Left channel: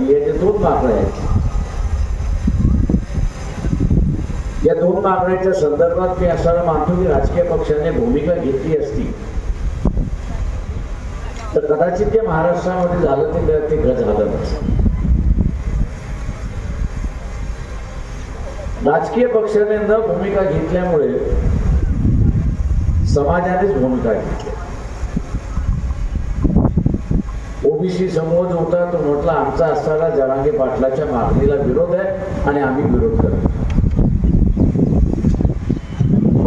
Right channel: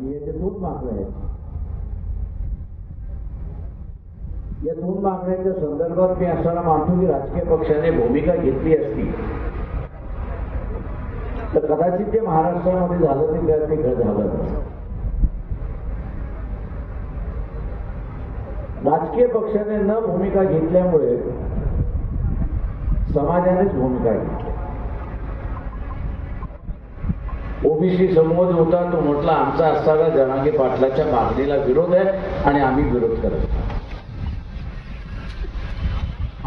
राहिली आहे, ते 2 मागण्या आहेत. या 2 मागण्याच्या संदर्भात मी असं मानतो की राजकीय पक्षाने भूमिका घेतली असती तर कदाचित जे महाराष्ट्रामध्ये झालं ते झालं नसतं. राजकीय पक्षाने न भूमिका घेतल्यामुळे समाजानेच भूमिका घेतली. ओबीसी समूह जो होता तो म्हटला आमचा असताना जरांगे पाटलाच्या मागणीला विरोध आहे आणि आम्ही विरोध करतो.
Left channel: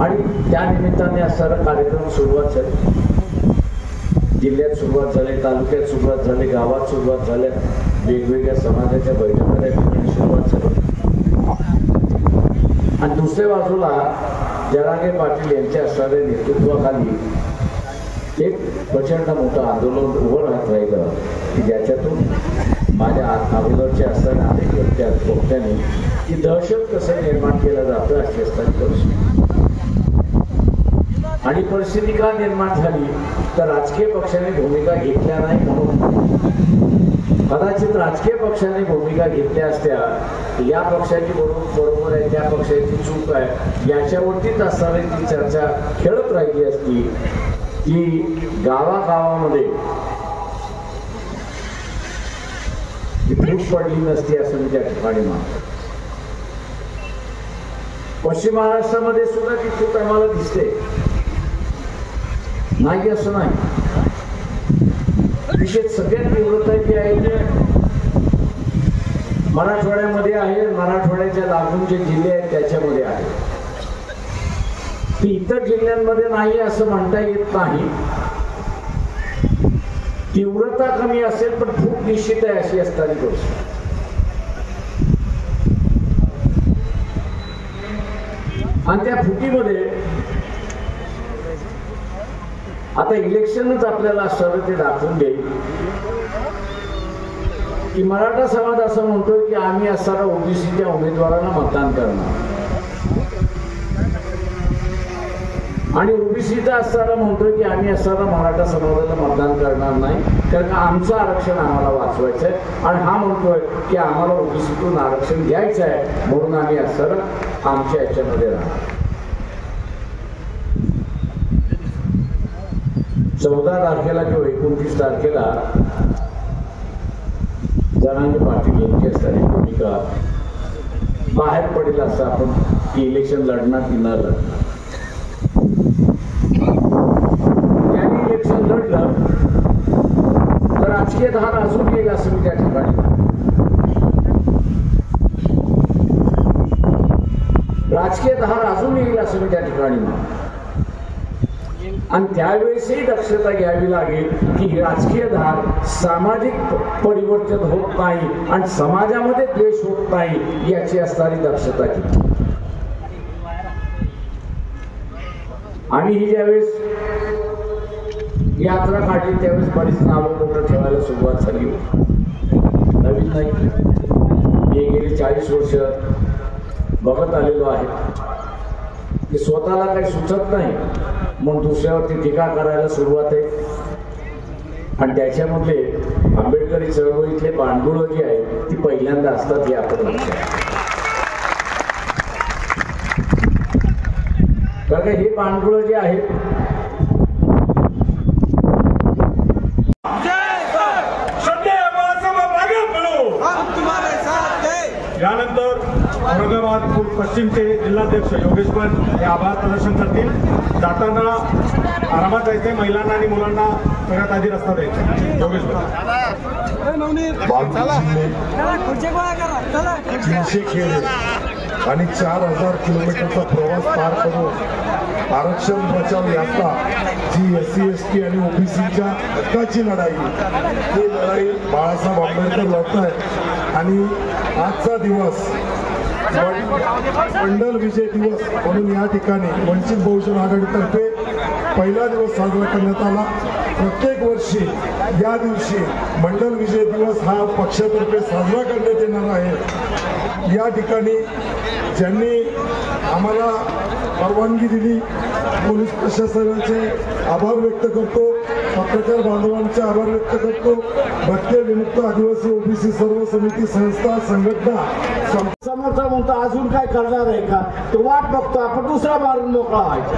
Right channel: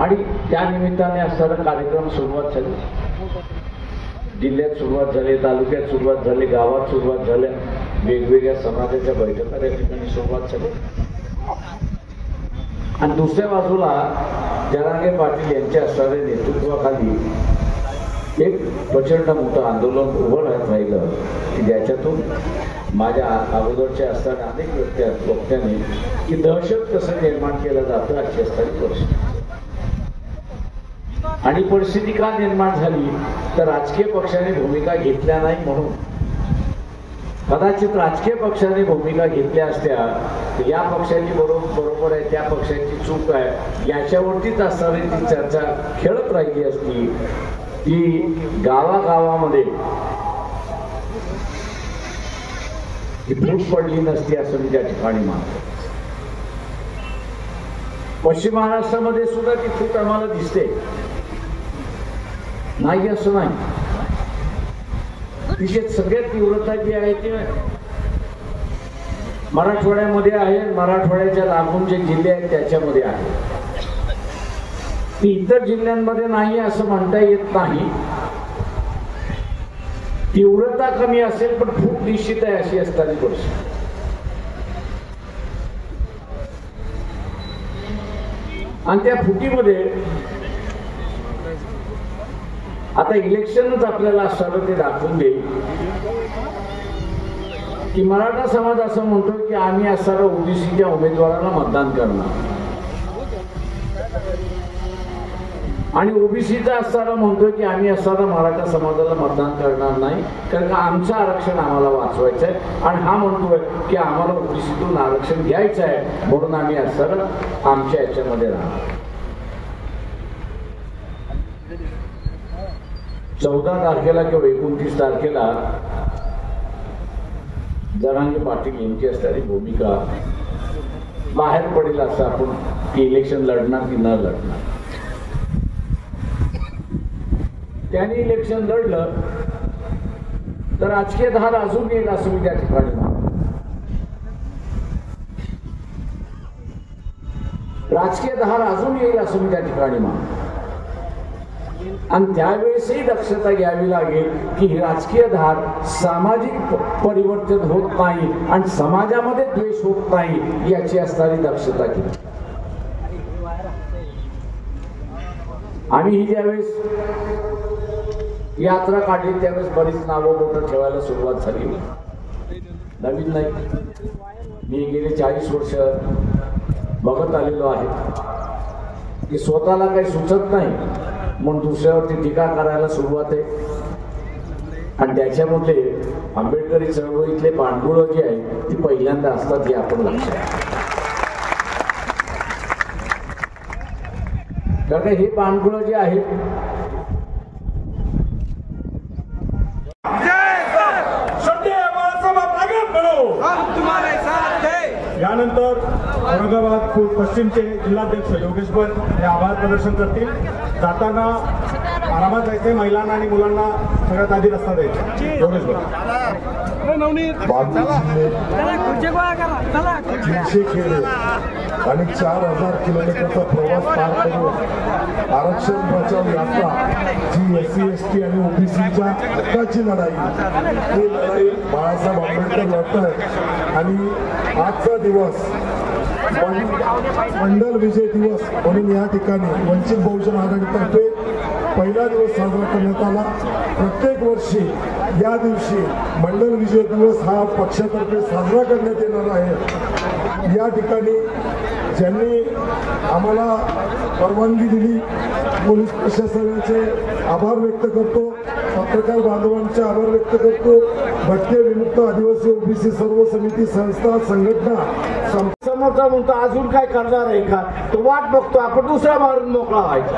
आणि त्या निमित्ताने असणारा कार्यक्रम सुरुवात झाली. जिल्ह्यात सुरुवात झाली, तालुक्यात सुरुवात झाली, गावात सुरुवात झाल्या, वेगवेगळ्या समाजाच्या बैठका ठिकाणी सुरुवात झाली. आणि दुसऱ्या बाजूला जरांगे पाटील यांच्या असणाऱ्या नेतृत्वाखाली एक प्रचंड मोठं आंदोलन उभं राहत राहिलं की ज्याच्यातून माझ्या अगोदरच्या असताना अनेक वक्त्याने की दहशत कसं निर्माण केलं जातं अशी असणारी परिस्थिती. आणि परिस्थिती का निर्माण झाली तर राजकीय पक्षाने भूमिका घेतल्या नाही म्हणून. कदाचित राजकीय पक्षाने भूमिका घेतल्या असत्या या पक्षाची बरोबर आहे, त्या पक्षाची चूक आहे याच्यावरतीच असणारी ती चर्चा खेळत राहिली असती. ती गावागावामध्ये फूट पडली नसती असं मी त्या ठिकाणी मानतो. पश्चिम महाराष्ट्रामध्ये सुद्धा ती फूट आम्हाला दिसते, नाही असं नाही. तिचे सगळ्यात तीव्रता जी आहे ते मराठवाड्यामध्ये आहे. मराठवाड्याच्या लागून जे जिल्हे आहेत त्याच्यामध्ये आहे. ती इतर जिल्ह्यांमध्ये नाही असं म्हणता येत नाही. तीव्रता कमी असेल पण फूट निश्चित आहे अशी असणारी गोष्ट. आणि त्या फुटीमध्ये आता इलेक्शनच आपल्याला असणारं ते दाखवून देईल की मराठा समाज असं म्हणतो की आम्ही असणाऱ्या ओबीसीच्या उमेदवारांना मतदान करणार आणि ओबीसीचा असताना म्हणतो की आम्ही असताना मराठा समाजाला मतदान करणार नाही कारण का आमचं आरक्षण आम्हाला वाचवायचं आहे. आणि हा म्हणतोय की आम्हाला ओबीसीतून आरक्षण घ्यायचं आहे म्हणून आम्ही असताना आमच्या याच्यामध्ये राहणार. 14 तारखेला किंवा 29 तारखेला जरांगे पाटील यांची असणारी भूमिका बाहेर पडेल असं आपण की इलेक्शन लढणार की न लढणार. त्यांनी इलेक्शन लढलं तर राजकीय धार अजून येईल असं मी त्या ठिकाणी. राजकीय धार अजून येईल असं मी त्या ठिकाणी म्हणतो. आणि त्यावेळेसही दक्षता घ्यावी लागेल की ही राजकीय धार सामाजिक परिवर्तन होत नाही आणि समाजामध्ये द्वेष होत नाही याची असणारी दक्षता घेतली. आम्ही ही ज्यावेळेस यात्रा काढली त्यावेळेस बरीच नावं बोटं ठेवायला सुरुवात झाली. नवीन नाही, मी गेली 40 वर्ष बघत आलेलो आहे की स्वतःला काही सुचत नाही म्हणून दुसऱ्यावरती टीका करायला सुरुवात आहे. आणि त्याच्यामध्ये आंबेडकरी चळवळीतले पांडुळं जी आहे ती पहिल्यांदा असतात हे आपण लक्षात. कारण हे पांडुळं जे आहे यानंतर औरंगाबाद पश्चिमचे जिल्हाध्यक्ष योगेश पण हे आभार प्रदर्शन करतील. जाताना आरामात जायचे, महिलांना आणि मुलांना सगळ्यात आधी रस्ता द्यायचा. योगेश तीनशे खेडे आणि 4000 किलोमीटरचा प्रवास पार करून आरक्षण बचाव यात्रा जी SC ST आणि ओबीसीच्या हक्काची लढाई, ही लढाई बाळासाहेब आंबेडकर लढत आहेत. आणि आजचा दिवस मंडल विजय दिवस म्हणून या ठिकाणी वंचित बहुजन आघाडीतर्फे पहिला दिवस साजरा करण्यात आला. प्रत्येक वर्षी या दिवशी मंडल विजय दिवस हा पक्षातर्फे साजरा करण्यात येणार आहे. या ठिकाणी ज्यांनी आम्हाला परवानगी दिली पोलीस प्रशासनाचे आभार व्यक्त करतो. पत्रकार बांधवांचे आभार व्यक्त करतो. भटके विमुक्त आदिवासी ओबीसी सर्व समिती संस्था संघटना समोरचा म्हणतो अजून काय करणार आहे का, तो वाट बघतो, आपण दुसरा मारून मोकळा व्हायचा.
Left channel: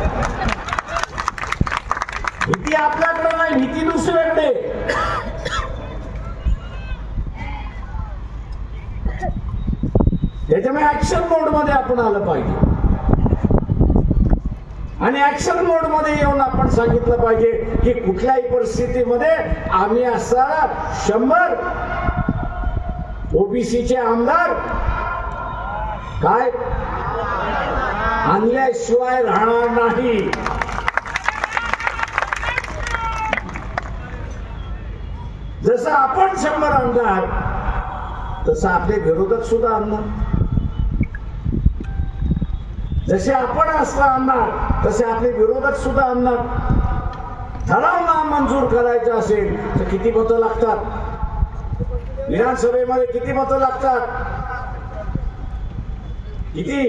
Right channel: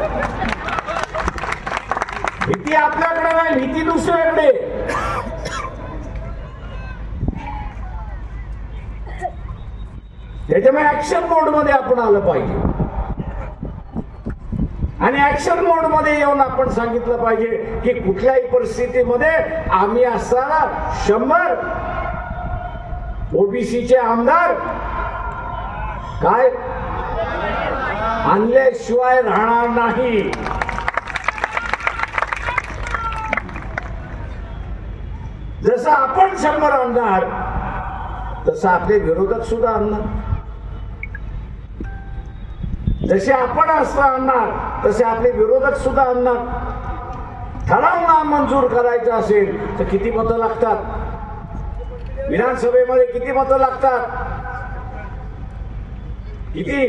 भीती आपल्याकडे नाही, भीती दुसऱ्याकडे. त्याच्यामुळे ऍक्शन मोड मध्ये आपण आलं पाहिजे आणि ऍक्शन मोड मध्ये येऊन आपण सांगितलं पाहिजे की कुठल्याही परिस्थितीमध्ये आम्ही असताना 100 ओबीसीचे आमदार काय आणल्याशिवाय राहणार नाही. जसं आपण 100 आमदार तसं आपले विरोधक सुद्धा आणणार. जसे आपण असं आणणार तसे आपले विरोधक सुद्धा आणणार. ठराव नामंजूर करायचा असेल तर किती मतं लागतात, विधानसभेमध्ये किती मतं लागतात, किती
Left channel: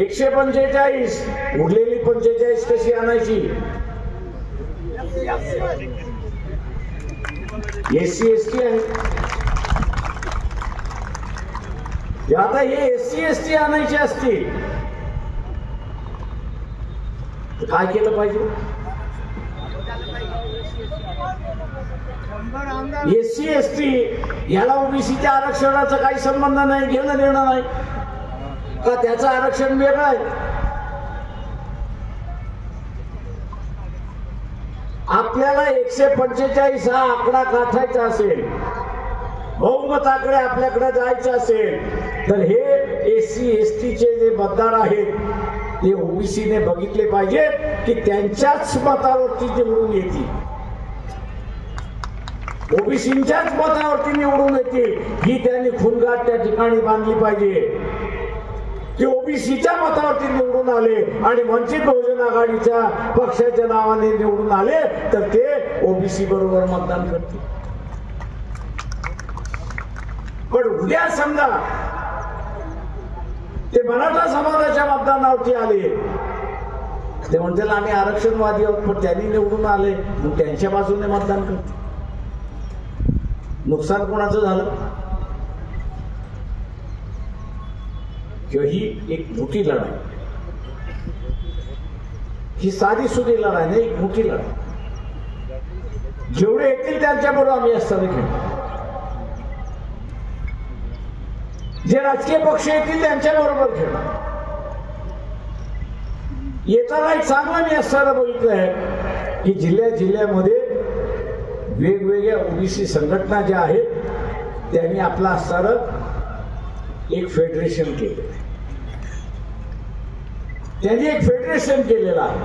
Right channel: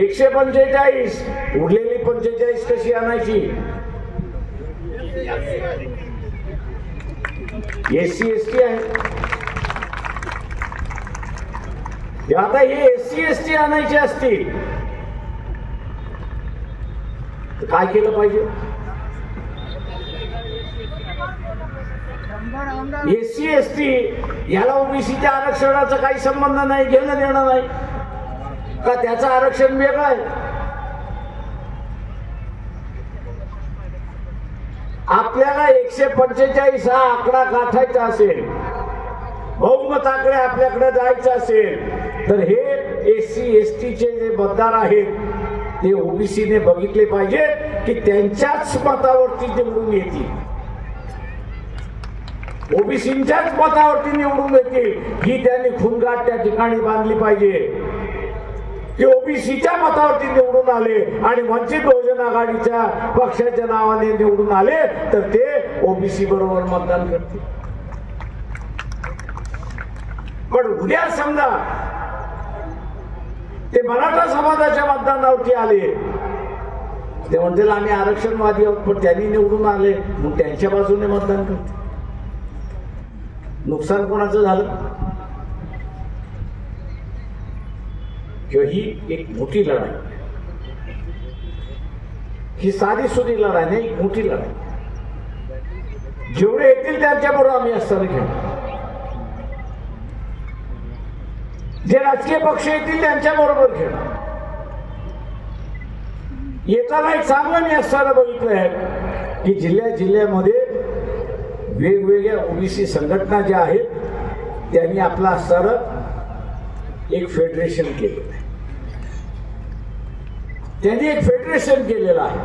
145. उरलेली 45 कशी आणायची. SC ST आहे. आता हे SC ST आणायचे असतील तर काय केलं पाहिजे. SC ST याला ओबीसीच्या आरक्षणाचा काही संबंध नाही, घेणं देणं नाही का, त्याचं आरक्षण वेगळं आहे. आपल्याला 145 हा आकडा गाठायचा असेल, बहुमताकडे आपल्याकडे जायचं असेल तर हे SC ST चे जे मतदार आहेत ते ओबीसीने बघितले पाहिजे की त्यांच्याच मतावरती निवडून येतील, ओबीसीच्याच मतावरती निवडून येतील ही त्यांनी खुणगाठ त्या ठिकाणी बांधली पाहिजे. ते ओबीसीच्या मतावरती निवडून आले आणि वंचित बहुजन आघाडीच्या पक्षाच्या नावाने निवडून आले तर ते ओबीसी बरोबर मतदान करतील. पण उद्या समजा ते मराठा समाजाच्या मतदानावरती आले, ते म्हणतील आम्ही आरक्षणवादी आहोत, पण त्यांनी निवडून आले मग त्यांच्या बाजूने मतदान करतील. नुकसान कोणाचं झालं. किंवा ही एक मोठी लढाई, ही साधी सुधी लढाई नाही, एक मोठी लढाई. जेवढे येतील त्यांच्याबरोबर आम्ही असताना खेळू, जे राजकीय पक्ष येतील त्यांच्या बरोबर खेळू. येताना एक चांगलं मी असताना बघितलं आहे की जिल्ह्यामध्ये वेगवेगळ्या ओबीसी संघटना ज्या आहेत त्यांनी आपला असताना एक फेडरेशन केलं, त्यांनी एक फेडरेशन केलेलं आहे.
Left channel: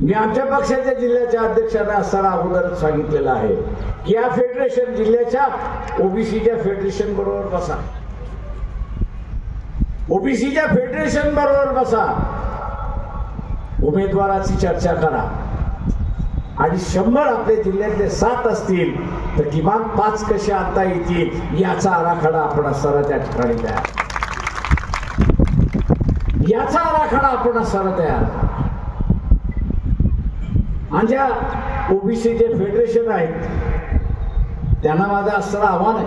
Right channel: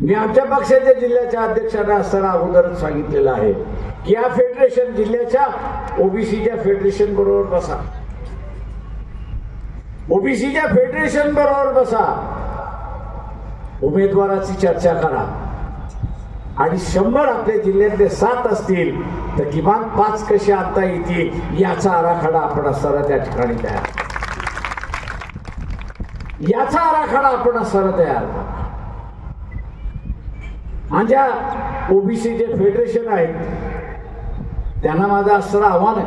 मी आमच्या पक्षाच्या जिल्ह्याच्या अध्यक्षांना असताना अगोदर सांगितलेलं आहे की या फेडरेशन जिल्ह्याच्या ओबीसीच्या फेडरेशन बरोबर बसा, ओबीसीच्या फेडरेशन बरोबर बसा, उमेदवाराची चर्चा करा आणि 100 आपल्या जिल्ह्यातले 7 असतील तर किमान 5 कसे आणता येतील याचा आराखडा आपण असताना त्या ठिकाणी तयार, याचा आराखडा आपण असताना तयार. आणि ज्या ओबीसीचे फेडरेशन आहेत त्यांना माझं असणारं आव्हान आहे,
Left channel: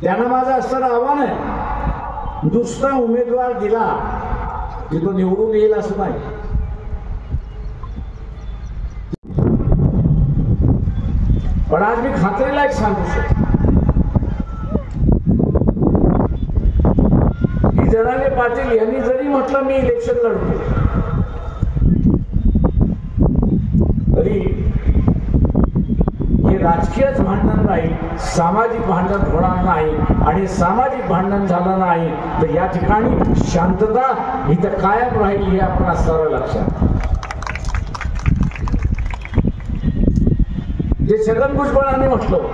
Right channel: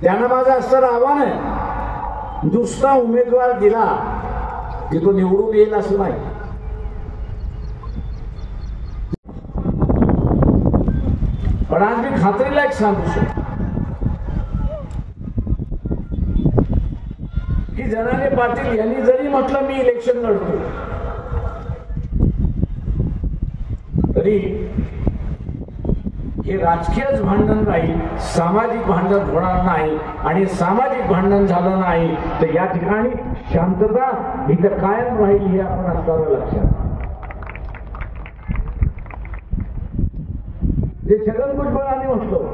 त्यांना माझं असणारं आव्हान आहे, दुसरा उमेदवार दिला की तो निवडून येईल असं नाही. पण आज मी खात्रीला एक सांगू शकतो की जनाले पाटील यांनी जरी म्हटलं मी इलेक्शन लढतो तरी हे राजकीयच भांडण नाही, सामाजिक भांडण होणार नाही. आणि सामाजिक भांडण झालं नाही तर या ठिकाणी शांतता इथं कायम राहील हे आपण असणारं लक्षात. ते छगन भुजबळांनी म्हटलं,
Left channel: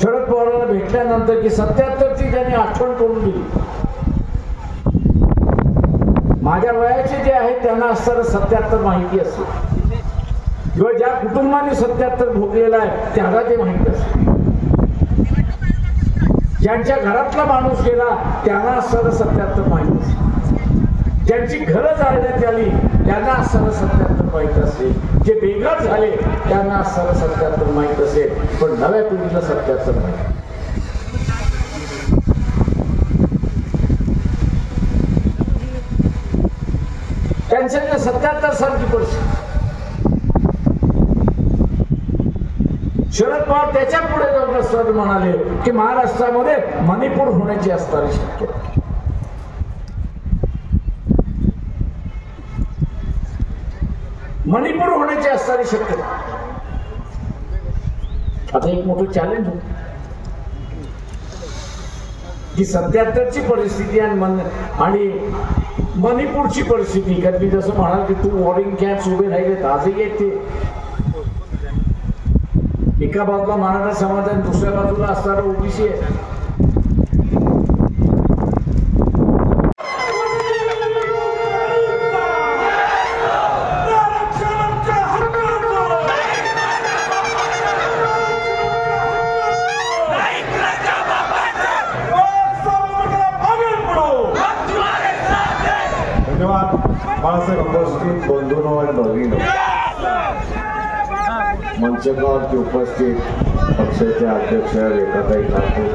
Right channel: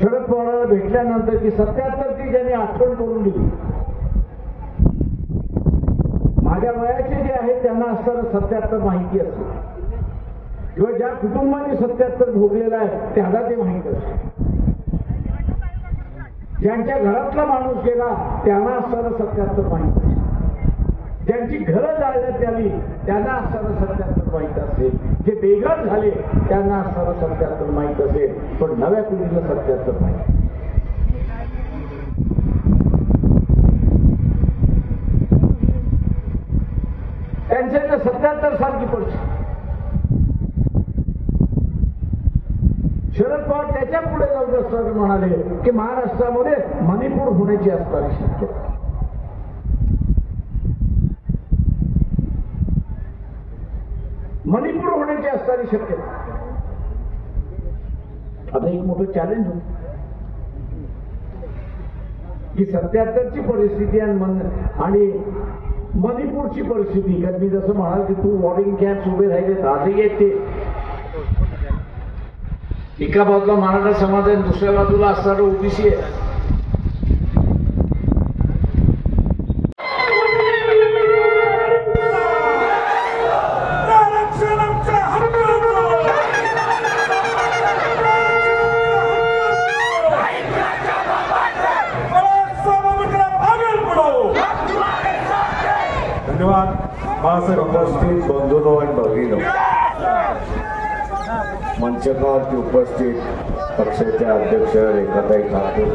शरद पवारांना भेटल्यानंतर की 77ची त्यांनी आठवण करून दिली. माझ्या वयाचे जे आहेत त्यांना असताना 77 माहिती असते किंवा ज्या कुटुंबाने 77 भोगलेला आहे त्याला ते माहिती असते. ज्यांच्या घरातला माणूस गेला त्यांना सर 77 माहित, ज्यांची घरं जाळण्यात आली त्यांना सर 77 माहित असेल, जे बेघर झाले त्यांना सर 77 माहित असेल, पण नव्या पिढीला 77 माहित. त्यांच्या 77 सारखी परिस्थिती. शरद पवार त्याच्या पुढे जाऊन असताना म्हणाले की महाराष्ट्रामध्ये मणिपूर होण्याची असणारी शक्यता. मणिपूर होण्याची असणारी शक्यता. आता एक मोठं चॅलेंज होत की 77ची परिस्थिती आणि मणिपूरची परिस्थिती. कारण मी जसं म्हणाल की 2 वॉरिंग कॅम्प्स उभे राहिले आजही आहेत ते. एका बाजूला मराठा समाज आणि दुसऱ्या बाजूला असणारं ओबीसी आहे. धन्यवाद बाळासाहेब. उपस्थित बंधूंनो आणि भगिनी, मंचकावरती उपस्थित पक्षाचे अध्यक्ष रेखाताई ठाकूर,